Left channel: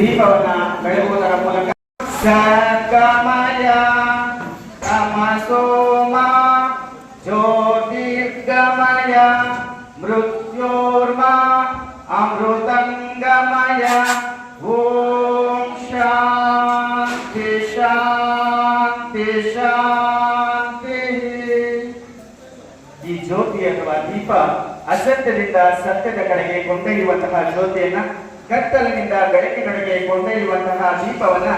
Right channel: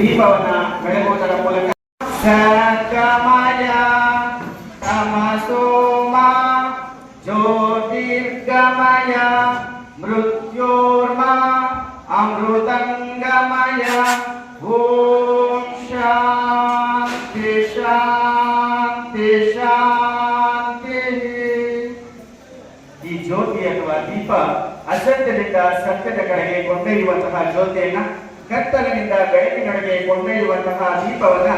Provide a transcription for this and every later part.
ದೀಪವನ್ನ ಬೆಳಗುವುದರ ಮೂಲಕ ಸಕಮಯ ತಮಸೋಮ ಜ್ಯೋತಿರ್ಗಮಯ ಮೃತ್ಯೋರ್ಮ ಅಮೃತಂಗಮಯ ಓಂ ಶಾಂತಿ ಶಾಂತಿ ಶಾಂತಿ. ಈ ಜ್ಯೋತಿ ಅಥವಾ ದೀಪ ಅಸತ್ಯದಿಂದ ಸತ್ಯದ ಕಡೆಗೆ ಕೊಂಡೊಯ್ಯುವಂತಹ ಜ್ಯೋತಿಯನ್ನ, ಕತ್ತಲಿನಿಂದ ಬೆಳಕಿನೊಳಗೆ ಕೊಂಡೊಯ್ಯುವಂತಹ ದೀಪವನ್ನ,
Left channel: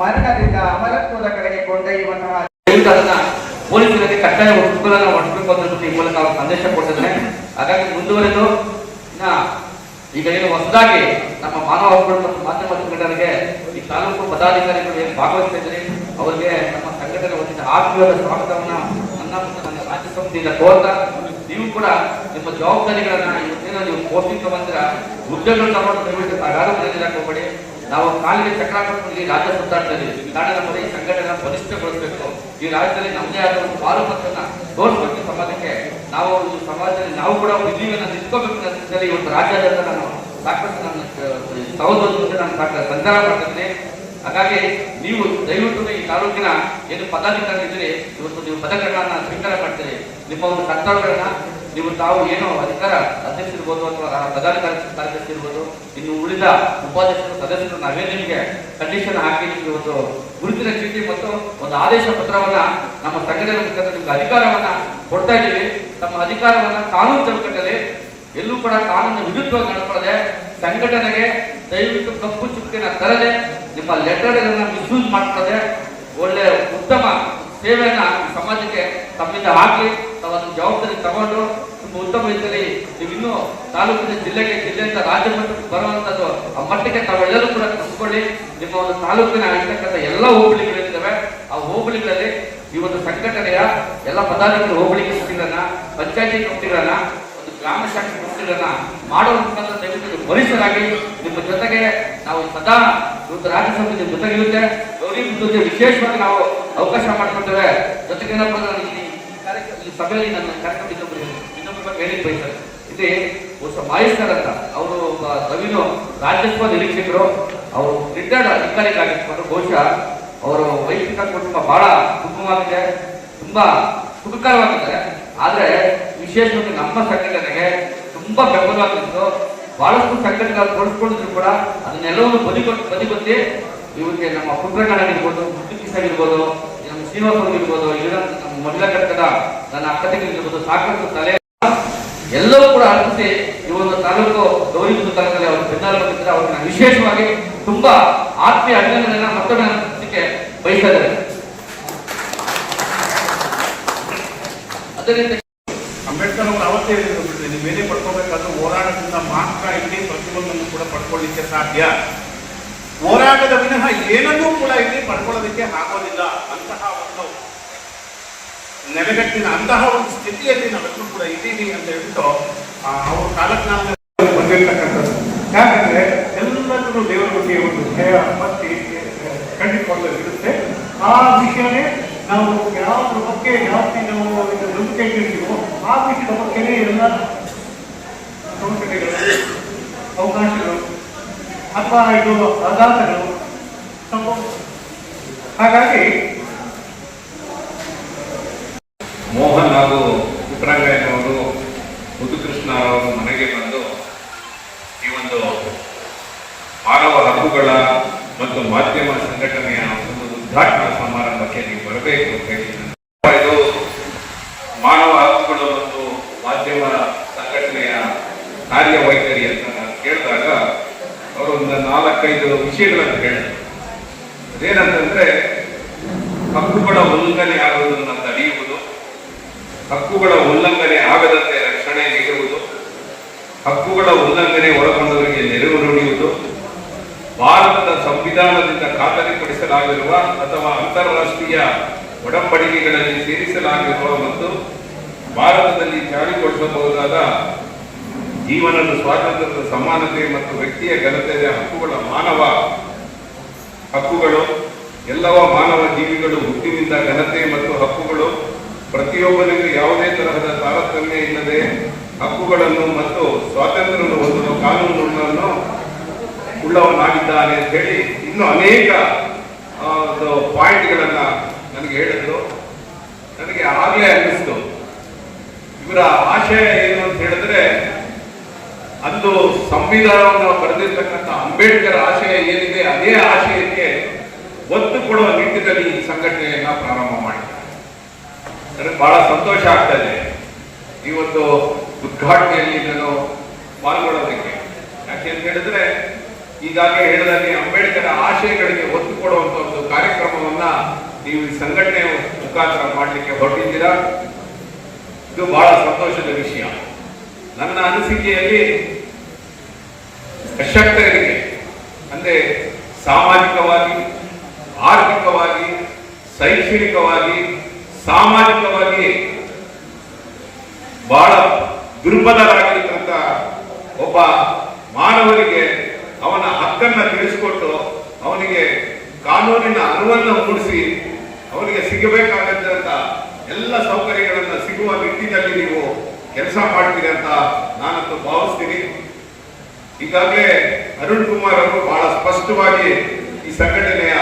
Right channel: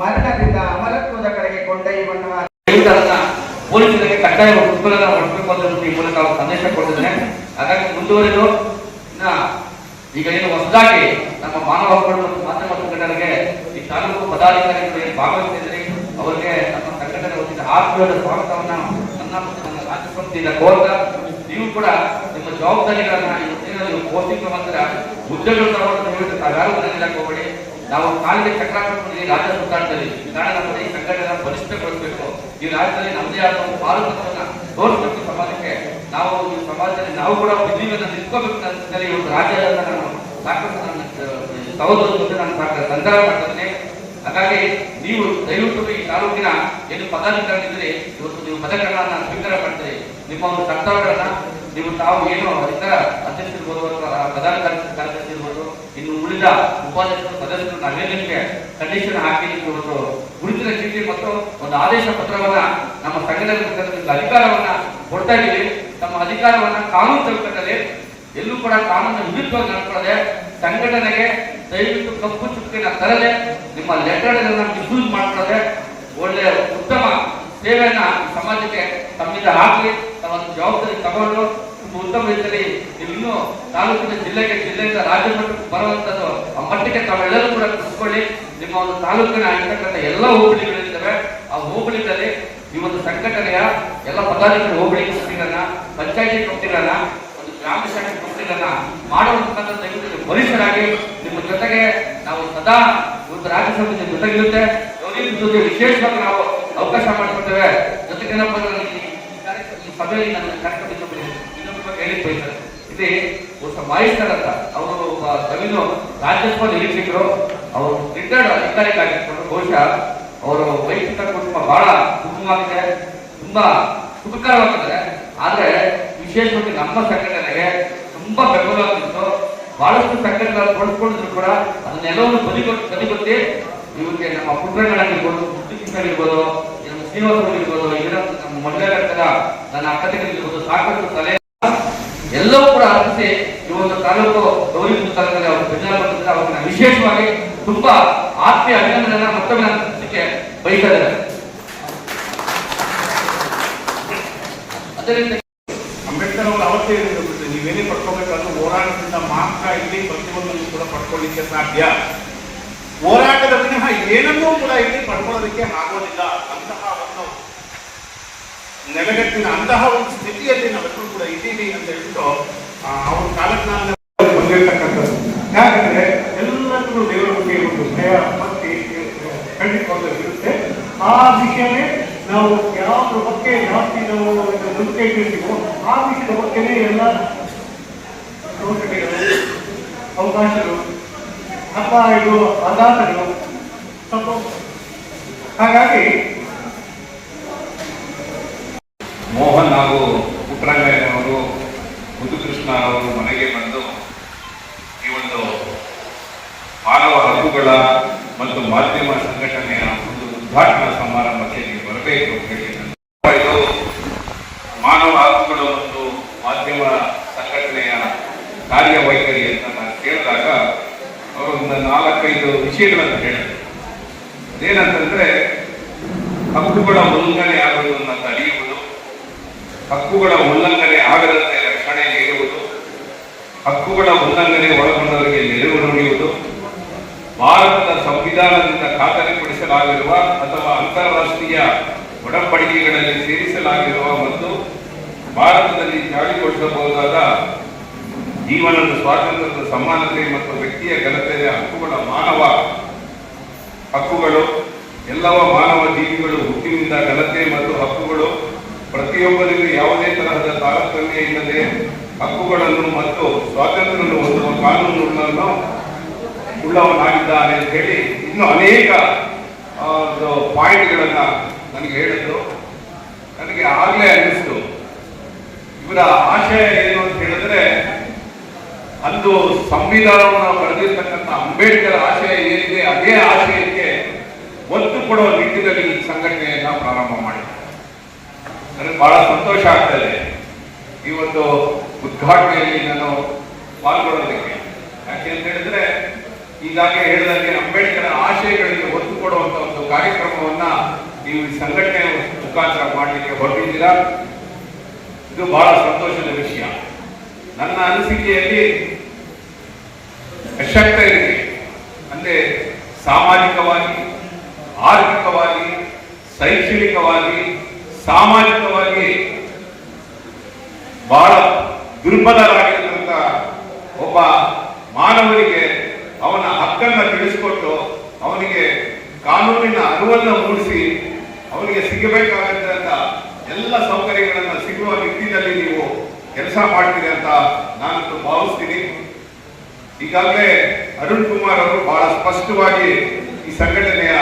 ಮರಣದಿಂದ ಅಮರತ್ವದ ಕಡೆಗೆ ಕೊಂಡೊಯ್ಯುವಂತಹ ಪೊಲೀಸರಿಗೆ ಕಡ್ಡಾಯ ಉತ್ಪನ್ನ ಹೊರಡಬೇಕು ಅಂತ ಈ ಮೂಲಕ ನಾವು ಸಂದೇಶ ಕೊಟ್ಟಿದ್ದೇನೆ. ಹಾಗಾಗಿ ಮುಂದುವರೆದು ಈಗ ಏನು ಹೊಸದಾಗಿ ನಮ್ಮ ಮಾನವ ಹಕ್ಕುಗಳು ಮತ್ತು ಮಾಧ್ಯಮ ಸಂಘಟನೆಗೆ ಈ ತಾಲೂಕು ಪದಾಧಿಕಾರಿಗಳು ಭಾಗವಹಿಸ್ತಾ ಇದ್ದಾರೆ. ಅವರಿಗೆ ನಮ್ಮ ಸಂಘಟನೆ ವತಿಯಿಂದ ಆತ್ಮೀಯವಾದ ಸ್ವಾಗತವನ್ನ ನನ್ನ ಮತ್ತು ನನ್ನ ರಾಜ್ಯ ಸಂಸ್ಥೆಯಿಂದ ಕೋರ್ತಾ, ನೀವು ಕೂಡ ನಿಮ್ಮ ಜವಾಬ್ದಾರಿಗಳನ್ನ ನೀವು ಪೋಸ್ಟಿಂಗ್ ಬಂದ್ರೆ ಹುದ್ದೆಗಳು ತಾವ್ಯಾರು ಮನೆಯಲ್ಲಿ ಹೋಗಬೇಡಿ. ನಾವು ಕಾಲಿಗೆ ಚಕ್ರ ಹಾಕಿಕೊಂಡು ರಾಜ್ಯ ಸುತ್ತಾಟದಲ್ಲಿ ಕಾರಣ ನಮ್ಮ ಈ ಸಂಘಟನೆ ಬಲಿಷ್ಠಗೊಳಿಸಬೇಕು. ಈ ರಾಜ್ಯದಲ್ಲಿ ನಮ್ಮದೇ ಆದ ಒಂದು ಪಾಲುಮತವನ್ನ ತೋರಿಸಬೇಕು. ಸಮಾಜಕ್ಕೆ ನಾವು ಈ ಸಮಾಜದಲ್ಲಿ ನಾವು ಕೂಡ ವಿಧಿವನ್ನ ನಿಲ್ಕೋಬೇಕು ಅಂತ ಈ ಒಂದು ರಾಜ್ಯದ ನಾನು ಸಾಕಷ್ಟು ನನ್ನ ಸಹೋದರ ನಾನು ಸಾಕಷ್ಟು ಸಂಗ್ರಹ ಮಾಡ್ತೇನೆ. ಹಾಗಾಗಿ ನೀವು ದಯವಿಟ್ಟು ಈ ತಾಲೂಕಿನ ಏನು ಪದಾಧಿಕಾರಿಗಳಿದ್ದೀರಿ, ಇವತ್ತು ನೀವು ಪದಗಳನ್ನ ಸ್ವೀಕಾರ ಮಾಡ್ತೀರಿ. ನಿಮ್ಮ ಒಂದು ಕರ್ತವ್ಯಗಳನ್ನ ನೀವು ತಾವು ಏನು ಅಧಿಕಾರ ಅಧ್ಯಕ್ಷರಿರ್ಬೋದು ಅಥವಾ ಪದಾಧಿಕಾರಿ ಕಾರ್ಯದರ್ಶಿ ಇರ್ಬೋದು, ಇನ್ನು ಉಳಿದ ಉಪಾಧ್ಯಕ್ಷರು ಸದಸ್ಯರು ನಾವೇ ನಿಮಗೆ ಕಂಡೀಷನ್ ಹಾಕಿ ನಿಮಗೆ ಒಂದು ಗುರುತಿನ ಚೀಟಿ ಮತ್ತು ಒಂದು ಆದೇಶ ಪತ್ರವನ್ನ ನಮ್ಮ ಸಂಘಟನೆ ನಿಮ್ಗೆ ಅಧಿಕಾರವನ್ನ ಕೊಡ್ತಾ ಇದ್ದೀವಿ. ತಮ್ಮ ಅಧಿಕಾರವನ್ನ ಕಾನೂನು ಚೌಕಟ್ಟಲ್ಲಿ ಎಲ್ಲೂ ಕೂಡ ಕಾನೂನಿನ ವಿರುದ್ಧವಾಗಿ ನಡ್ಕೊಳ್ಳದೆ ಸಂಘಟನೆಗೆ ದಯವಿಟ್ಟು ಕಪ್ಪು ಚುಕ್ಕಿನ ತರದೆ ನಿಮ್ಮ ಲೆಟರ್ಗಳನ್ನ ಮಿಸ್ಯೂಸ್ ಮಾಡ್ಕೊಳ್ಳದೆ ಒಳ್ಳೆ ಉತ್ತಮ ಸೇವೆಯನ್ನ ಸಮಾಜಕ್ಕೆ ತಮ್ಮಿಂದ ಹಾಕಿ ತಾವನ್ನು ಜವಾಬ್ದಾರಿ ತಗೊಂಡು ಉತ್ತಮ ರೀತಿಯಲ್ಲಿ ನೀವು ಇನ್ನೂ ತಾಲೂಕಿನ ಜಿಲ್ಲೆಯಿಂದ ರಾಜ್ಯ ಮಟ್ಟಕ್ಕೆ ಬರುವಂತದ್ದು ಆ ಮಟ್ಟಕ್ಕೆ ತಾವೆಲ್ಲರೂ ಕೂಡ ಕಲಿಸ್ಕೊಳ್ಳಿ. ನಿಮ್ಮ ಒಂದು ತಾಲೂಕಿನ ಇರ್ತಕ್ಕಂಥ ಎಲ್ಲ ಹೋಬಳಿಗಳಿದ್ದಾವೆ, ಆ ಹೋಬಳಿಗಳಲ್ಲಿ ಈ ಒಂದು ಸಂಘಟನೆಯ ಎಲ್ಲ ಪದಾಧಿಕಾರಿ ಹೋಬಳಿ ಕಮಿಟಿಗಳನ್ನ, ಪಂಚಾಯತಿ ಕಮಿಟಿಗಳನ್ನ, ಒಂದು ಗ್ರಾಮ ಶಾಖೆ ಕಮಿಟಿಗಳನ್ನ ಮಾಡುವಂತ ದಯವಿಟ್ಟು ಪರಿಸರಾಗಿ ನಿಮ್ಮ ಜೊತೆಗೆ ನಾವು ಸದಾ ಇವತ್ತು ರಾಜ್ಯ ಸಮಿತಿ ಜೊತೆಗಿರುತ್ತೆ. ಜೊತೆ ವಿಶೇಷವಾಗಿ ನಾವು ಅವಕಾಶ ಮಾಡಿಕೊಡ್ತೇವೆ. ಜೊತೆಗೆ ಈ ಸಭೆಯಲ್ಲಿ ನನ್ನ ಕಾರ್ಯಕ್ರಮ ಇನ್ನೊಬ್ಬರ ಬಗ್ಗೆ ಹೇಳಿ ಬಯಸ್ತಾರೆ. ಇಲ್ಲಿ ಮಾಯಿಸ್ತಾರ ಅಂತ ಅವರು ರವಿನು ರಾಜ್ಯಸಭಾ ನಿರೀಕ್ಷಕರು, ಅವರು ರಿಟೈರ್ಡ್ ಅಧಿಕಾರಿಗಳಾಗಿರ್ತಾರೆ. ಬಹುಶಃ ಅವರು ವೈಯಕ್ತಿಕ ಕುಟುಂಬ ಬಹಳ ಉತ್ತಮವಾಗಿದೆ, ತುಂಬಾ ಸುಖಕರವಾಗಿದ್ದಾರೆ. ಆದ್ರೆ ವಿಶೇಷವಾಗಿ ನಮ್ಮ ಸಂಘಟನೆಗೆ ತುಂಬಾ ಬೆಂಬಲವಾಗಿತ್ತು. ಬಹಳಷ್ಟು ಸಂಘಟನೆಗಳು ತೋರಿಸ್ಕೊಂಡಿದ್ರು ಕೂಡ ಅದನ್ನೆಲ್ಲವೂ ಬದಿಗೊತ್ತಿ ಇವರಿಗೆ ನಮ್ಮ ಪುತ್ರಗಳಾಗಿರ್ಬೋದು, ಆಗಿರ್ಬೋದು, ನಮ್ಮ ಶ್ರೀನಿವಾಸಗಳಿರ್ಬೋದು, ಇವರ ನಮ್ಮ ಮಹಿಳಾ ಘಟಕದ ನನ್ನ ಅಕ್ಕತೆಗಳಿರ್ಬೋದು, ಸಾಕಷ್ಟು ತಲೆ ಎಲ್ಲವೂ ಕೂಡ ಅರ್ಪಿಸಿ ಈ ಒಂದು ತಾಲೂಕು ಗೌರಿ ತಾಲೂಕಲ್ಲಿ ಅವರು ಬೆನ್ನಾಲ ಬಂದಿದ್ದಾರೆ. ಅವ್ರನ್ನ ವಿಶೇಷವಾಗಿ ತುಂಬಾ ಆತ್ಮೀಯ ಅಭಿನಂದನೆ ಮತ್ತೊಮ್ಮೆ ಅನ್ಸಲಿಕ್ಕೆ ಬಯಸಿದ್ದಾರೆ. ಅದರಿಂದ ಅಂಬೇಡ್ಕರ್ ಅವರು ಅವತ್ತೇ ಹೇಳಿದ್ರು, ನೀವೇನೇ ಪಡ್ಕೊಳ್ಬೇಕಾದ್ರೂ ಹೋರಾಟದಿಂದ ಮಾತ್ರ ಇಲ್ಲಿ ಪ್ರತಿಯೊಂದನ್ನು ಕೂಡ ಪಡ್ಕೊಳ್ಳಿಕ್ಕೆ ಸಾಧ್ಯ. ಹೋರಾಟದ ವಿನಃ ಏನನ್ನೂ ಕೂಡ ಇಲ್ಲಿ ಪಡ್ಕೊಳ್ಳೋದಕ್ಕೆ ಆಗೋದಿಲ್ಲ. ಅಂತಹ ಒಂದು ನೆಲೆಗಟ್ಟಿನ ಅಂತಹ ಒಂದು ಸ್ಥಿತಿಯಲ್ಲಿ ನಾವೆಲ್ಲರೂ ಕೂಡ ಇದ್ದೀವಿ ಅಂತ ಹೇಳ್ಬಿಟ್ಟು ಅವರು ಕಾಲಜ್ಞಾನ ಬಂದಿರ್ತಕ್ಕಂಥದ್ದು. ಯಾಕಂದ್ರೆ ಎಲ್ಲರಿಗೂ ದೇವರ ಬಗ್ಗೆ ಒಂದು ಭಯ ಭಕ್ತಿ ಕಂಡುಕೊಳ್ಳೋದಿರುತ್ತೆ. ಆ ವಿಷಯನೇ ನಾವು ಯಾವುದ್ರ ಬಗ್ಗೆ ಜಾಸ್ತಿ ನಾವು ನಂಬಿಕೆ ಇಟ್ಟಿರ್ತೀವೋ ಆ ವಿಷಯದ ಬಗ್ಗೆನೇ ಎಲ್ಲ ಅವಶ್ಯಕತೆಗಳು, ಅವಕಾಶಗಳು ಅಥವಾ ಇದು ಆಧಾರಗಳು ಸ್ವಲ್ಪ. ಹಾಗಾಗಿ ಮೋಹನ್ ಹಾಗೂ ಪುಟ್ಟರಂಗಯ್ಯನವರು ಮುದುಕೃಷ್ಣ ಅವರು ಮನೆಗೆ ಬಂದು ಈ ಒಂದು ಮಾನವ ಹಕ್ಕುಗಳ ಮತ್ತು ಮಾಧ್ಯಮ ಸಂಘಟನೆಯ ಒಂದು ಉದ್ಘಾಟನಾ ಸಮಾರಂಭಕ್ಕೆ ನೀವು ಬರಬೇಕು ಅಂತ ಹೇಳಿ ಇದು ಮಾನವ ಹಕ್ಕುಗಳು ಮತ್ತು ಮಾಧ್ಯಮ ಸಂಘಟನೆಯ ಕಾರ್ಯವೈಖರಿ ಅಂತ ನಾನು ಕೇಳಿದಾಗ ಅವರು ಒಂದು 4-5 ವಿಷಯಗಳನ್ನು ಹೇಳಿದರು. ಅದೇನಂತಂದ್ರೆ ಹಕ್ಕುಗಳ ಉಲ್ಲಂಘನೆ ಆಗುವುದನ್ನು ತಡೆಯುವುದು, ಹಕ್ಕುಗಳ ಉಲ್ಲಂಘನೆ ಆಗದಂತೆ ರಕ್ಷಣೆ ನೀಡುವುದು, ಹಕ್ಕುಗಳ ಉಲ್ಲಂಘನೆ ಒಳಗೊಂಡವರಿಗೆ ನೆರವು ನೀಡುವುದು, ಭಾರತದ ಸಂವಿಧಾನದಿಂದ ಖಾತರಿಪಡಿಸಲಾಗಿರುವ ಅಥವಾ ಅಂತಾರಾಷ್ಟ್ರೀಯ ಒಡಂಬಡಿಕೆಗಳಲ್ಲಿ ಸೇರಿಸಲಾಗಿರುವ ಮತ್ತು ಭಾರತದಲ್ಲಿ ಜಾರಿಗೊಳಿಸಬಹುದಾದ ಜೀವನದ ಸ್ವಾತಂತ್ರ್ಯದ ಸಮಾನತೆ ಮತ್ತು ವ್ಯಕ್ತಿಯ ಘನತೆಯ ಹಕ್ಕುಗಳ ಮಾನವ ಹಕ್ಕುಗಳು. ಎಲ್ಲವ ಮಾನವ ಜೀವಿಗಳು ಹುಟ್ಟಿನಿಂದ ಘನತೆ ಮತ್ತು ಹಕ್ಕುಗಳು ಪ್ರತಿಯೊಬ್ಬರಿಗೂ ಯಾವುದೇ ತರಹದ ತಾರತಮ್ಯ ಇಲ್ಲದೆ ಹಕ್ಕುಗಳನ್ನು ಮತ್ತು ಸ್ವಾತಂತ್ರ್ಯವನ್ನು ಹೊಂದುವ ಕಾನೂನುಗಳನ್ನು ಉಳ್ಳವನಾಗಿದ್ದಾನೆ ಅಂತ ಹೇಳಿ ಇನ್ನೂ ಅನೇಕ ಪಾಯಿಂಟ್ಗಳನ್ನ ನನಗೆ ಹೇಳಿದ್ರು. ನನಗೆ ಆಗಲೇ ಅನ್ನಿಸ್ತು ಇವರ ಆಶಯ ಏನು ಅಂತ ಹೇಳಿದ್ರೆ, ಅಂದು ಸಂವಿಧಾನವನ್ನು ಬರೆದಿರ್ತಕ್ಕಂಥ ಅಂಬೇಡ್ಕರ್ ಆಶಯ ಏನಿದೆ ಅದೇ ಆಶಯಕ್ಕೆ ಒತ್ತು ಕೊಡುವ ನಿಟ್ಟಿನಲ್ಲಿ ಈ ಸಂಘಟನೆಯನ್ನ ಪ್ರಾರಂಭ ಮಾಡಿದ್ದಾರೆ. ನನಗೆ ಬಹಳ ಸಂತೋಷ ಆಗ್ತಾ ಇದೆ ಈ ಒಂದು ಉದ್ಘಾಟನೆಯಲ್ಲಿ ನಾನು ಪಾಲ್ಗೊಳ್ಳೋದಕ್ಕೆ. ಯಾಕೆ ಅಂತ ಹೇಳಿದ್ರೆ, ಈಗಾಗಲೇ ಹೇಳಿದಾಗೆ ಅಂಬೇಡ್ಕರ್ ಆಶಯಗಳಿಗೆ ಒತ್ತು ಕೊಡುವಂತ ಒಂದು ಕಾರ್ಯಕ್ರಮವನ್ನ ನೀವು ಈ ಸಂಘಟನೆ ಮುಖಾಂತರ ಮಾಡಲಿಕ್ಕೆ ಹೊರಟಿದ್ದೀರಾ. ಇದು ಬಹಳ ಸಂತೋಷದ ವಿಷಯ. ನನ್ನ ಅನಿಸಿಕೆಯಲ್ಲಿ ಅಶಕ್ತರಿಗೆ ಅಂದ್ರೆ ಸಾಮಾಜಿಕವಾಗಿ, ಆರ್ಥಿಕವಾಗಿ, ಶೈಕ್ಷಣಿಕವಾಗಿ, ಸಾಮಾಜಿಕವಾಗಿ ಬಹಳ ದುರ್ಬಲರಾಗಿರ್ತಕ್ಕಂಥ ಒಬ್ಬ ಮಾನವರಿಗೆ ಅವನ ಹಕ್ಕನ್ನು ತಿಳಿಸಿಕೊಟ್ಟು ಅವನಿಗೆ ಕಾನೂನಿನ ಅರಿವನ್ನು ಮೂಡಿಸಿ ಅವನಿಗೆ ಸಿಗಬೇಕಾದಂತ ಎಲ್ಲ ಸೌಕರ್ಯಗಳನ್ನು ಸಿಗುವ ನಿಟ್ಟಿನಲ್ಲಿ ನೀವು ಕೆಲಸ ಮಾಡ್ತೀರಿ ಅಂತ ನಾನಂತೂ ಭಾವಿಸ್ತೀನಿ. ಈಗಾಗಲೇ ಅರುಣ್ ಕುಮಾರ್ ಅವರು ಬಹಳ ಸ್ಪಷ್ಟವಾಗಿ ಈ ಸಂಘಟನೆಯ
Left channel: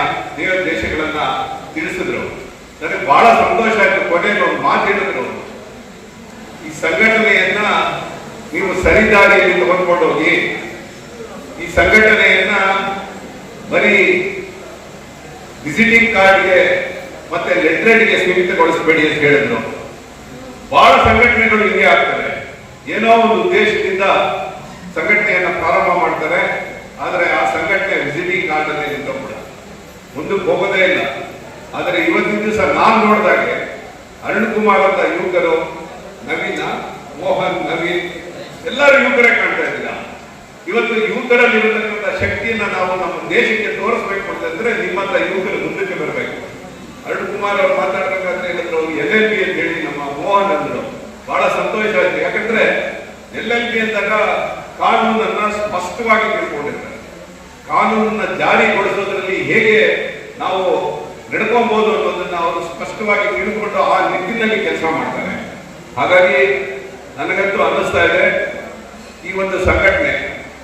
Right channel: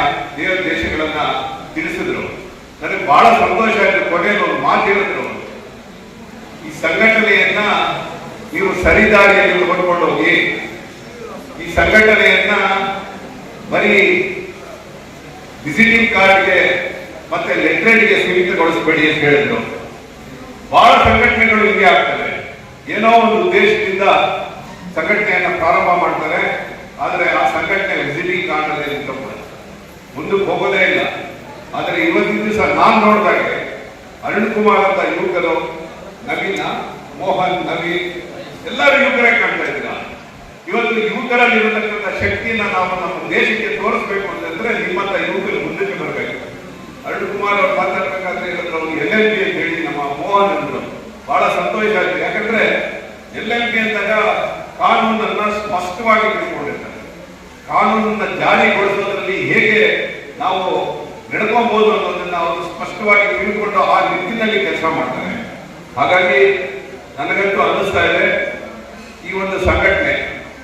ದೇಶಗಳನ್ನ ತಿಳಿಸಿದ್ರು. ನನಗೆ ಬಹಳ ಸಂತೋಷ ಆಯ್ತು. ಕೊನೆಯಲ್ಲಿ ಒಂದು ಮಾತು ಹೇಳಿದ್ರು, ಈ ಸಂಘಟನೆಯನ್ನ ನೀವು ಸರಿದಾರಿಯಲ್ಲಿ ತಗೊಂಡ್ಕೊಂಡು ಹೋಗಿ, ಈ ಸಂಘಟನೆಯನ್ನ ಬರೀ ವಿಸಿಟಿಂಗ್ ಕಾರ್ಡ್ಗೆ ಮತ್ತೆ ಲೆಟ್ರೇಡ್ಗೆ ಸೀಮಿತಗೊಳಿಸಬೇಡಿ ಅಂತ ಹೇಳಿದ್ರು. ಬಹಳ ಸಂಘಟನೆಗಳು ಹಿಂಗೆ ಆಗ್ತವೆ. ಏನೋ ಒಂದು ಉದ್ದೇಶದಿಂದ ಸಂಘಟನೆಯನ್ನ ಪ್ರಾರಂಭ ಮಾಡ್ತಾರೆ, ಆದರೆ ಆ ಸಂಘಟನೆ ವಿಸಿಟಿಂಗ್ ಕಾರ್ಡ್ ಅಲ್ಲಿ ನಿಂತ್ಕೊಂಡ್ಬಿಡ ಮುಂದಕ್ಕೆ ಹೋಗೋದೇ ಇಲ್ಲ. ಆದರೆ ಇವತ್ತಿನ ದಿವಸ ನಾನು ನೋಡಿದಾಗೆ ಅರುಣ್ ಕುಮಾರ್ ಅಂತ ಯುವಕರು, ನವೀನ, ಮೋಹನ್, ನವೀನ್ ಎಲ್ಲರೂ ಯುವಕರೇ ಕಾಣ್ತಾ ಇದ್ದೀರಾ. ಇವತ್ತು ಯುವಕರಲ್ಲಿ ಇರತಕ್ಕಂಥ ಶಕ್ತಿಯನ್ನ ನಾವು ನಮ್ಮ ದೇಶಕ್ಕೆ ತೋರಿಸ್ಬೇಕು ಅಂತಂದ್ರೆ ನಿಮ್ಮಂತ ಯುವಕರು ಮುಂದಕ್ಕೆ ಬರಬೇಕು. ಅರುಣ್ ಕುಮಾರ್ ಅವರು ಮಾತಾಡ್ಬೇಕಾದ್ರೆ ಹೇಳಿದ್ರು LLB ಅಂತ ಹೇಳಿ ನಮ್ಮ ಮೋಹನ್ ಅಂದ್ರು. ಬಹಳ ಸಂತೋಷ ಆಯ್ತು. ಯಾಕಂದ್ರೆ LLB ಅಂದಾಗ ಕಾನೂನನ್ನ ಸ್ಪಷ್ಟವಾಗಿ ತಿಳ್ಕೊಂಡಿರ್ತಾರೆ. ಕಾನೂನನ್ನ ಜಾರಿಗೊಳಿಸೋದ್ರಲ್ಲಿ ಹೇಗೆ ನಾವು ನಡ್ಕೊಬಹುದು ಅನ್ನೋದನ್ನ ಅವರು ಸ್ಪಷ್ಟವಾಗಿ ತಿಳ್ಕೊಂಡು ಆ ನಿಟ್ಟಿನಲ್ಲಿ ಕೆಲಸ ಮಾಡ್ತಾರೆ. ಹಾಗಾಗಿ ನನಗಂತೂ ಅನ್ನಿಸ್ತಾ ಇದೆ ಈ ಒಂದು ಸಂಘಟನೆ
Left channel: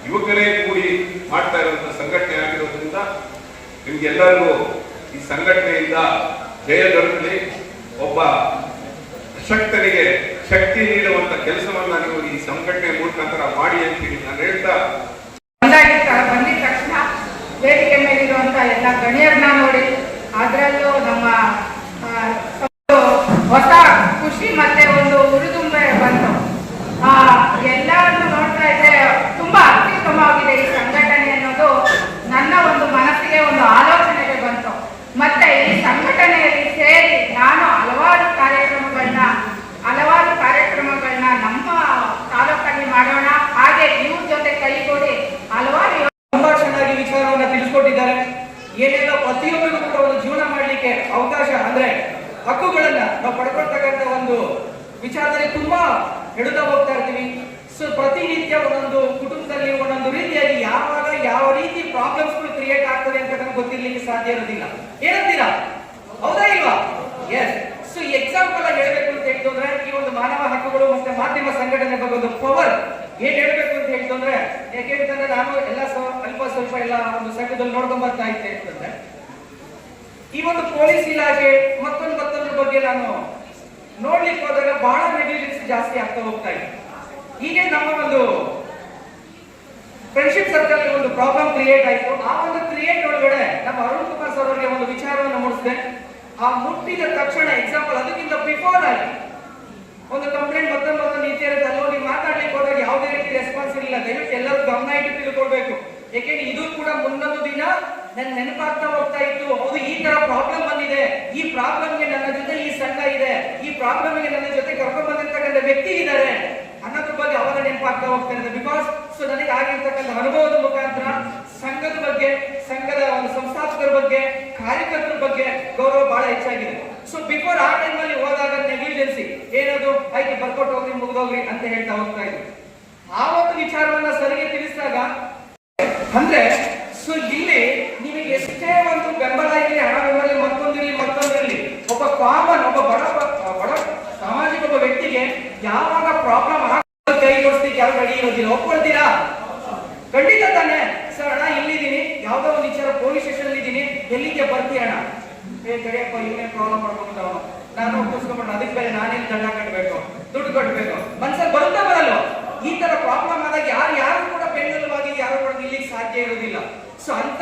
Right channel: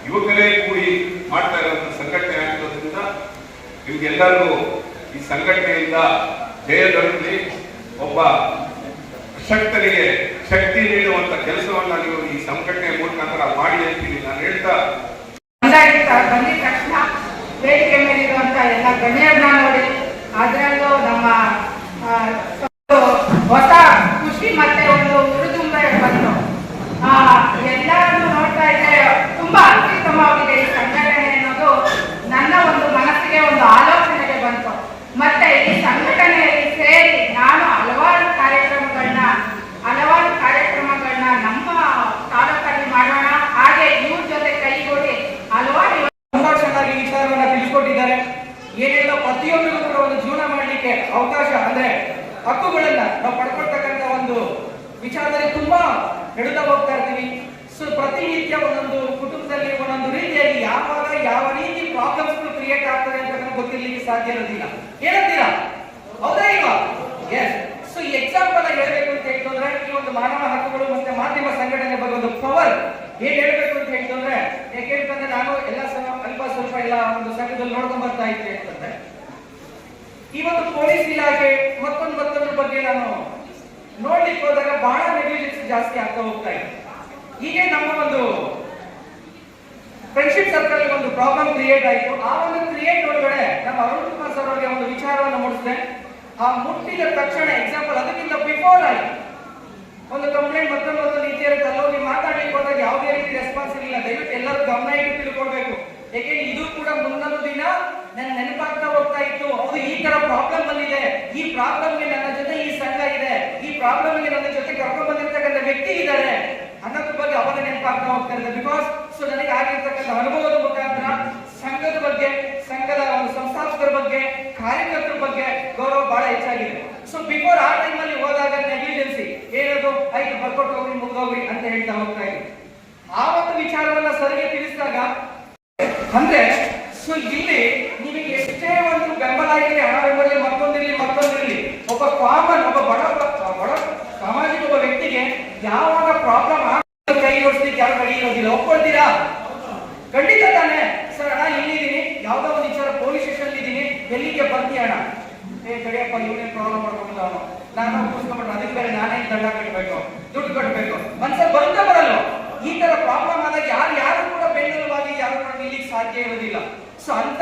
ಯುವಕರೇ ಕೂಡಿ ಮಾಡ್ತಾ ಇರುವಂತಹ ಸಂಘಟನೆ ಆಗಿರೋದ್ರಿಂದ ನಿಮ್ಗೆಲ್ಲರಿಗೂ ಈ ಸಂಘಟನೆಯಿಂದ ಜಯ ದೊರಕಲಿ. ಒಬ್ಬ ಅಶಕ್ತರಿಗೆ ಶಕ್ತಿ ನೀಡುವಂತ ಕೆಲಸವನ್ನ ನೀವು ಈ ಸಂಘಟನೆ ಮುಖಾಂತರ ಮಾಡಿ ಅಂತೀರಿ ನಾನು ಹೇಳ್ತಾ, ಬಂದಿದ ತಕ್ಷಣ ವೇದಿಕೆ ಮೇಲಿರುವಂತ ಎಲ್ಲ ಗಣ್ಯರನ್ನ ನೋಡಿ ಅದರಲ್ಲೂ ನಮ್ಮ ಹೊಸ ಖುಷಿ ಮತ್ತೆ ಒಂದು ಉರಿದುಂಬೆ ಬಂತು. ಎಲ್ಲರನ್ನು ನೋಡ್ತಾ ಇದ್ರೆ ತುಂಬಾ ಅತ್ಯುತ್ತಮವಾಗಿದೆ ಈ ಸಂಘಟನೆ ಅನ್ನೋದು ನನ್ನ ಒಂದು ಮನಸ್ಸಿಗೆ ಒಂದು ಆಲೋಚನೆಗೆ ಬಂತು. ಮತ್ತೆ ಈ ಸಂಘಟನೆಯಲ್ಲಿ ಸೇರಿ ನಾನು ಹಲವಾರು ಕಾರ್ಯಕ್ರಮಗಳನ್ನ ನಮ್ಮ ತಾಲೂಕಲ್ಲಿ ಮಾಡೋಣ, ಹಾಗೆ ಇವ್ರ ಜೊತೆ ಕೈಗೂಡಿ ಹಲವಾರು ತುಂಬಾ ಚೆನ್ನಾಗಿ ವಿಚಾರವನ್ನ ತಿಳಿಸ್ಕೊಟ್ಟಿದ್ದಾರೆ. ಏನೆಲ್ಲ ಪ್ರತಿಯೊಬ್ಬರಿಗೂ ಕೂಡ ಒಂದು ಜೀವನ ಮಾಡ್ಲಿಕ್ಕೆ ಅವಕಾಶ ಅಂದ್ರೆ ಹಕ್ಕುಗಳನ್ನ ನಾವು ಪಡ್ಕೊಳ್ತಕ್ಕಂಥ ಒಂದು ವಿಚಾರದಲ್ಲಿ ತುಂಬಾ ಹಿಡಿತಾ ಹೋಗ್ತಾ ಇರ್ತೀವಿ. ಸೊ ಪ್ರತಿನಿತ್ಯ ಒಂದೊಂದು ಕುಟುಂಬದಲ್ಲಿ ಒಂದೊಂದು ರೀತಿಯಾಗಿ ಯಾವಾಗ ಯಾವ ರೀತಿ ಪ್ರಾಬ್ಲಮ್ಸ್ ಕ್ರಿಯೇಟ್ ಆಗ್ತದೆ ಅಂತ ನಮ್ಗೆ ಗೊತ್ತಿರ್ಲಿಕ್ಕೆ ಸಾಧ್ಯ ಇರೋದಿಲ್ಲ. ಏನಂತೀರಾ? ಹೌದಾ ಇಲ್ವಾ? ಎಸ್. ಸೊ ಎಕ್ಸಾಂಪಲ್ ಆಗಿ ಹೇಳ್ಬೇಕು ಅಂತ ಹೇಳಿದ್ರೆ ಈ ಒಂದು ಮಾನವ ಹಕ್ಕುಗಳು ಮತ್ತೆ ಮಾಧ್ಯಮ ಸಂಘಟನೆ ಬಗ್ಗೆ ಒಂದು ಪವರ್ ಏನ್ ಹೇಳ್ಬೇಕು ಅಂತ ಹೇಳಿದ್ರೆ, ಯಾಕೆಂತಂದ್ರೆ ನಾನು ಎಲ್ಲ ಅಲ್ಪ ಸ್ವಲ್ಪ ಎಲ್ಲ ಒಂದು ಸಂಘದಲ್ಲಿ ನೋಡ್ಕೊಂಡ್ ಬರ್ತಾ ಇದ್ದೆ ಅಂತಂದ್ರೆ ಈ ಒಂದು ಪೊಲೀಸ್ ಇಲಾಖೆ ಮತ್ತೊಂದ್ರ ಬಗ್ಗೆ ನಾನು ನೋಡ್ಲಿಕ್ಕೆ ಹೋದಾಗ ಬಹಳ ನೆಗ್ಲಿಜೆನ್ಸ್ ಜಾಸ್ತಿ ಆಗ್ತಾ ಹೋಗ್ತಾ ಇದೆ. ಹೀಗೆ ನಮ್ಮ ಒಂದು ಫ್ರೆಂಡ್ಶಿಪ್ ಸರ್ಕಲ್ ಒಂದು ಪ್ರಾಬ್ಲಮ್ ಕ್ರಿಯೇಟ್ ಆಯಿತು. ಆ ಒಂದು ಕ್ರಿಯೇಟ್ ಒಳಗಡೆ ನಮ್ಮ ಅರುಣ್ ಕುಮಾರ್ ಸರ್ ಅವರಿಗೆ ಒಂದು ವಿಚಾರವನ್ನು ಮೂಡಿಸಿದೆ. ಆ ಮುಟ್ಟಿದ ತಕ್ಷಣ ಎಕ್ಸಾಂಪಲ್ ಅದಕ್ಕಿಂತ ಬಿಫೋರ್ ಆಗಿ ಒಂದು ಕಂಪ್ಲೇಂಟ್ ಮತ್ತೊಂದು ರೀತಿ ಇರುತ್ತೆ, ಅಲ್ಲಿ ಮಾತಾಡ್ಲಿಕ್ಕೆ ಹೋದಾಗ ಯಾವುದೇ ರೀತಿ ರೆಸ್ಪಾನ್ಸ್ ಇರಲಿಲ್ಲ. ದಯವಿಟ್ಟು ಎಲ್ಲರೂ ಗಮನ ಇಟ್ಟು ತಿಳ್ಕೊಳ್ಬೇಕು. ಯಾಕೆಂದ್ರೆ ಇದು ಕೂಡ ಮುಂದೊಂದು ದಿನ ನನ್ನ ನೆನಪಾಗ್ತಾ ಹೋಗ್ತಾ ಇತ್ತು. ಹೌದು, ಈ ತರ ಪ್ರಾಬ್ಲಮ್ ಬಂದಿದೆ, ಈ ಪ್ರಾಬ್ಲಮ್ಗೆ ನನ್ನ ಜೊತೆ ಈ ಸಂಘ ಇದೆ, ಈ ಪ್ರಾಬ್ಲಮ್ಗೆ ನನ್ನ ಜೊತೆ ಕರ್ಕೊಂಡು ಬಂದಿರ್ತಕ್ಕಂಥ ವ್ಯಕ್ತಿ ಇದ್ದಾರೆ ಅನ್ನೋದ್ರ ಬಗ್ಗೆ ಅವರ ನೆನಪಾಗ್ತಾ ಹೋಗ್ತಾ ಇದೆ. ಬಿಕಾಸ್ ಸೊ ನನಗೆ ಆಗಿರ್ತಕ್ಕಂಥ ಅನುಭವದ ಮುಖಾಂತರ ಸಂಘದ ಬಗ್ಗೆ, ಸಂಘದ ಸಂಸ್ಥಾಪಕರ ಬಗ್ಗೆ, ಕಾರ್ಯಕರ್ತರ ಬಗ್ಗೆ ಗೌರವ ಬಹಳ ಹೆಚ್ಚಾಗಿದೆ. ಸೊ ಬಿಫೋರ್ ಆ ಟೈಮ್ ಅಲ್ಲಿ ಹೋದಾಗ ನೆಗ್ಲಿಜೆನ್ಸಿ ಏನದು ಆಯ್ತು ಬರ್ಕೊಟ್ಟು ಹೋಗ್ರಿ ಮುಗಿದೋಗ್ರಿ ಅಂತ ಹೇಳ್ತಾ ಹೋಗ್ತಾ ಇದ್ರು. ಆ ಒಂದು ವಿಚಾರವನ್ನ ಸರಿಗೆ ತಿಳಿಸಿದಾಗ ಅಂದ್ರೆ ಸೊ ಇಲ್ಲಿ ನಿಮಗೆ ಎಷ್ಟೇ ಒಂದು ಬೆಂಬಲ ಇರಲಿ, ಹಣ ಬೆಂಬಲ ಮತ್ತೊಂದಿರಲಿ ಒಬ್ಬ ಕಾಮನ್ ಒಬ್ಬ ಬಡ ಸಾಮಾಜಿಕ ಒಬ್ಬ ವ್ಯಕ್ತಿಗೆ ಯಾವಾಗ ಪ್ರಾಬ್ಲಮ್ ಕೈ ಕೊಡ್ಸ್ಲಿಕ್ಕೆ ಯಾವ ರೆಡಿ ಇರೋದಿಲ್ಲ. ಒಪ್ಕೊಳ್ತೀರಾ? ಖಂಡಿತ ತಾನೆ ಸರ್. ಅಣ್ಣ ಇಲ್ಲಿ ಎಲ್ಲಿಗೆ ಬರ್ತೀಯಣ್ಣ, ಕಡಿಯಪ್ಪ ಇವನೇ ಪ್ರಾಬ್ಲಮ್ ಮಾಡ್ಕೊಂಡು ನಾನು ಕೂರ್ಸ್ಕೊಂಡ್ಬಿಟ್ಟು ಅದಕ್ಕೆ ಬೇರೆ ನಾನೇ ದಂಡ ಕಟ್ಟಬೇಕು, ದುಡ್ಡು ಕಟ್ಟಬೇಕು, ಮನ್ಸಲ್ಲಿ ಬರುತ್ತಾ ಬರಲ್ಲ. ಈ ತರ ಪ್ರಾಬ್ಲಮ್ ಆದಾಗ ಯಾರು ಕೂಡ ಬೆನ್ನೆಲುಬಾಗಿ ಯಾರು ಕೂಡ ನಿಲ್ಲಿಕ್ಕೆ ಸಾಧ್ಯ ಇರುವುದಿಲ್ಲ. ಸೊ ಅಂತ